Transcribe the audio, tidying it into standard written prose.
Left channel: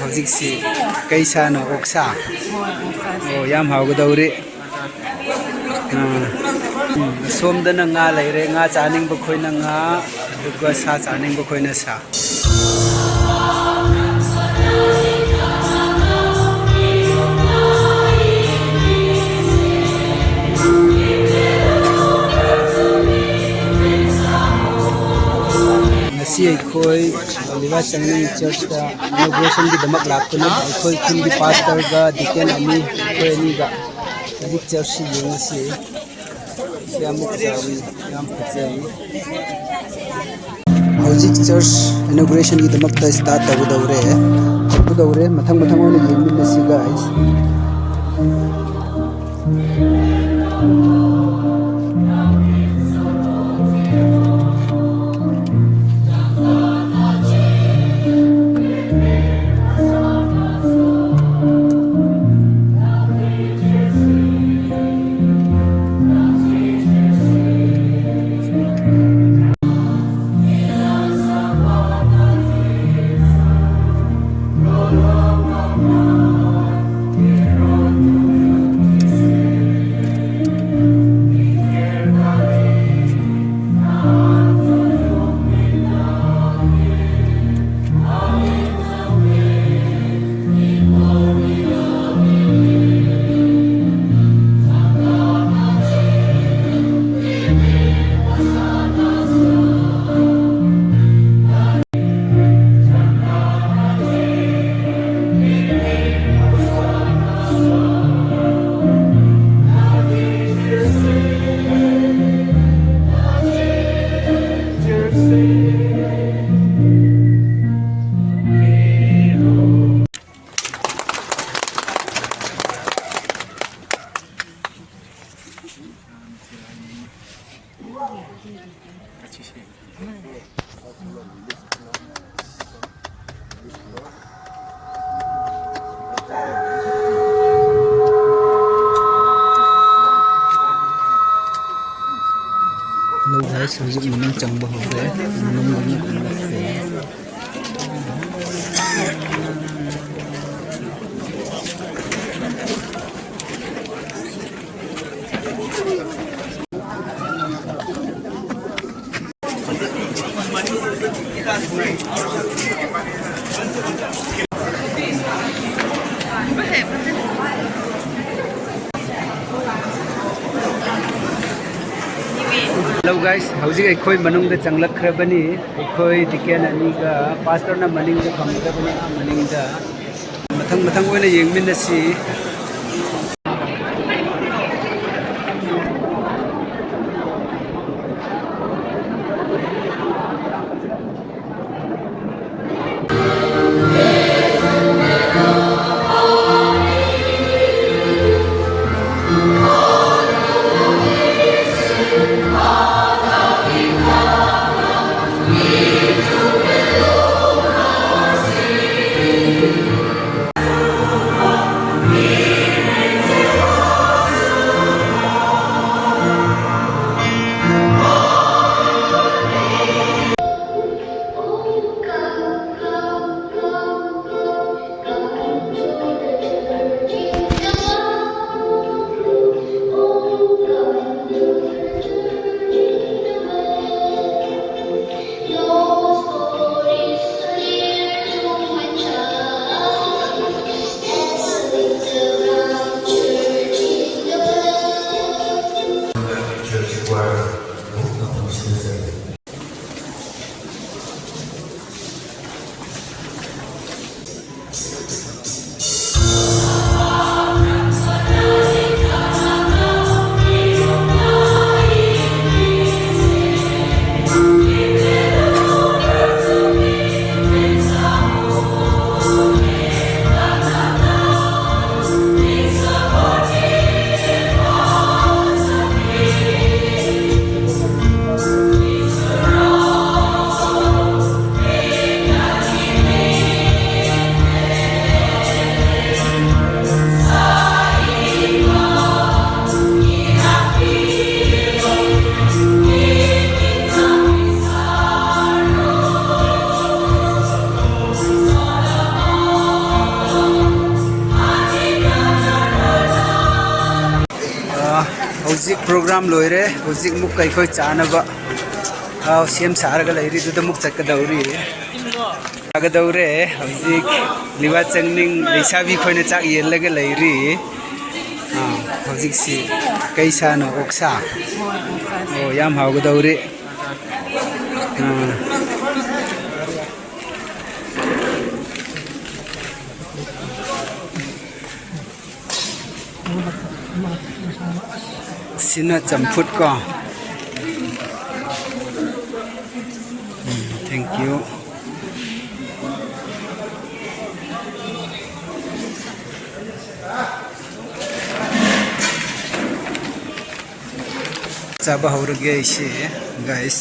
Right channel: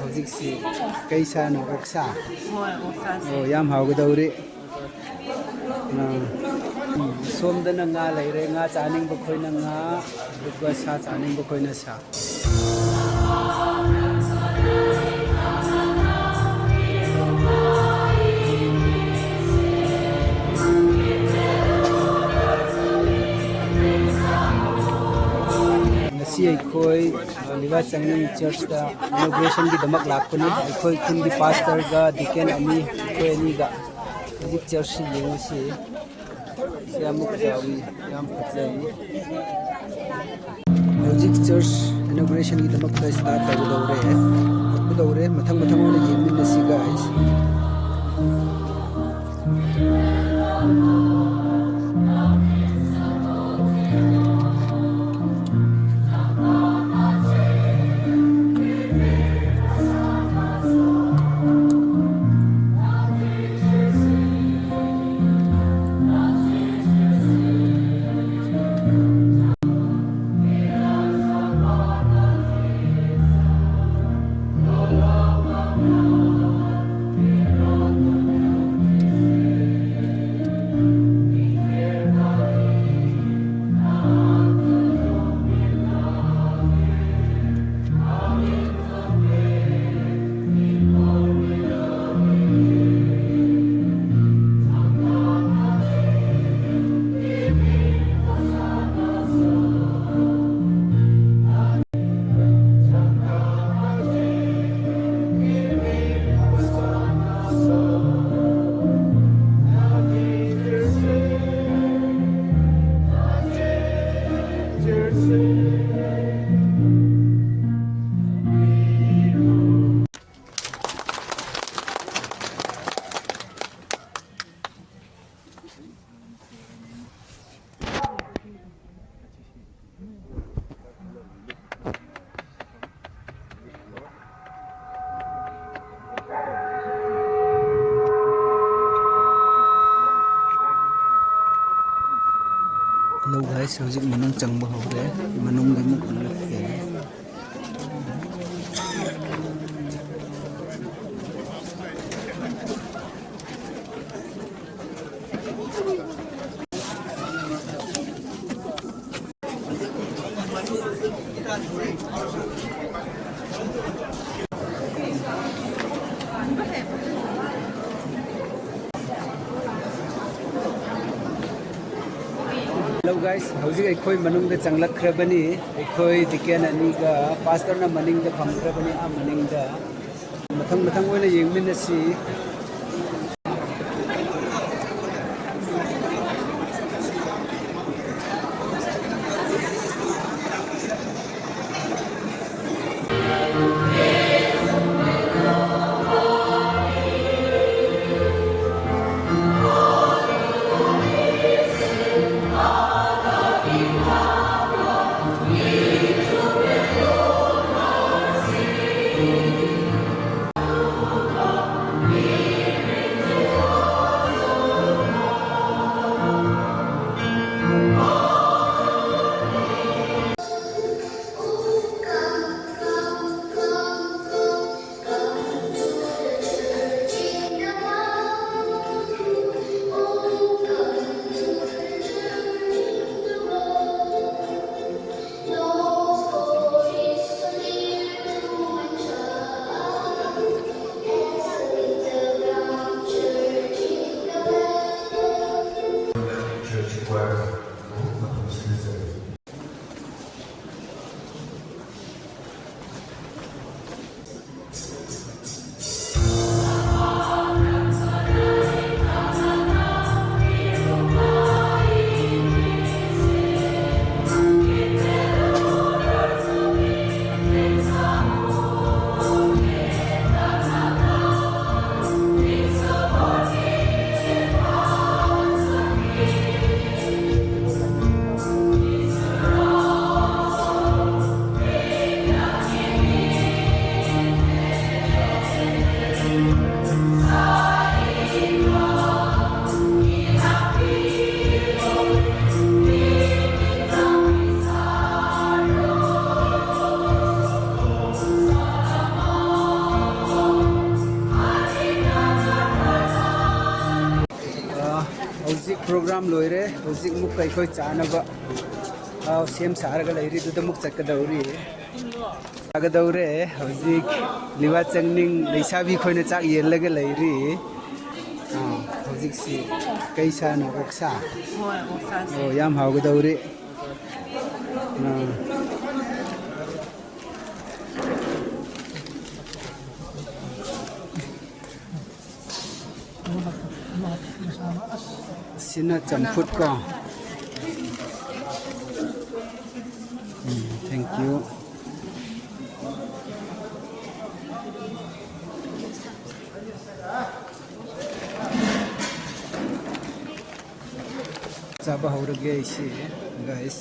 ꯍꯧꯖꯤꯛꯁꯤ ꯀꯩ ꯁꯥꯅꯣ ꯑꯣꯛꯁꯥ ꯑꯣ ꯌꯥꯝ ꯍꯥꯎꯒꯗꯧꯔꯤ ꯁꯣꯝꯗꯅ ꯉꯥ ꯂꯩꯔꯦ ꯉꯥ ꯆꯥꯅꯤꯡꯕ ꯈꯣꯏꯅ ꯉꯥ ꯑꯗꯨꯒ ꯁꯥ ꯆꯥꯅꯤꯡꯕ ꯈꯣꯏꯅ ꯁꯥ ꯉꯁꯤ ꯑꯩꯈꯣꯏ ꯂꯤꯚꯥꯏ ꯆꯪꯃꯤꯡ ꯆꯔꯆꯇ ꯏꯅꯣꯒ꯭ꯔꯦꯁꯟꯒꯤꯗꯃꯛ ꯂꯥꯛꯄꯅꯤ ꯑꯩꯈꯣꯏ ꯈꯨꯟꯒꯤ ꯄꯥꯁꯇꯔꯒ ꯗꯤꯀꯦꯟ ꯑꯅꯤ ꯑꯩꯈꯣꯏ ꯑꯅꯤꯒ ꯍꯧꯖꯤꯛ ꯆꯔꯆꯁꯤ ꯌꯦꯡꯉꯁꯤ ꯀꯌꯥꯃꯨꯛ ꯆꯥꯎꯏ ꯌꯥꯝ ꯐꯖꯩ ꯍꯧꯖꯤꯛ ꯆꯔꯆ ꯏꯅꯣꯒ꯭ꯔꯦꯁꯟꯒꯤꯗꯃꯛꯇ ꯁ꯭ꯇꯥꯔꯠ ꯇꯧꯒꯗꯧꯔꯦ ꯃꯊꯪ ꯃꯊꯪ ꯑꯣꯏꯅ ꯌꯦꯡꯃꯤꯟꯅꯁꯤ ꯒꯥꯏꯁ ꯍꯧꯖꯤꯛ ꯃꯅꯨꯡ ꯆꯪꯕ ꯍꯧꯔꯦ ꯃꯅꯨꯡꯗ Hello guys, hꯧꯖꯤꯛ ꯑꯩꯈꯣꯏ ꯃꯅꯨꯡꯗ ꯆꯪꯂꯛꯈ꯭ꯔꯕꯅꯤ ꯑꯩꯈꯣꯏ ꯗꯤꯀꯦꯟ ꯑꯅꯤꯒ ꯄꯥꯁꯇꯔꯅ ꯃꯅꯤꯡꯗ ꯐꯝꯒꯗꯕꯅꯤ ꯃꯅꯤꯡꯗ ꯃꯊꯪ ꯑꯣꯏꯅ ꯌꯦꯡꯃꯤꯟꯅꯁꯤ hojik program loire hojik muk kai khoi chanaba sem sarga lairi du muk chakadauri agadaure hojik liwa changning leisabi khoina chak yelaga lairi hojik si kaisa no oksa yam hawgadaure sina champut ko thank you chaba horge ise guys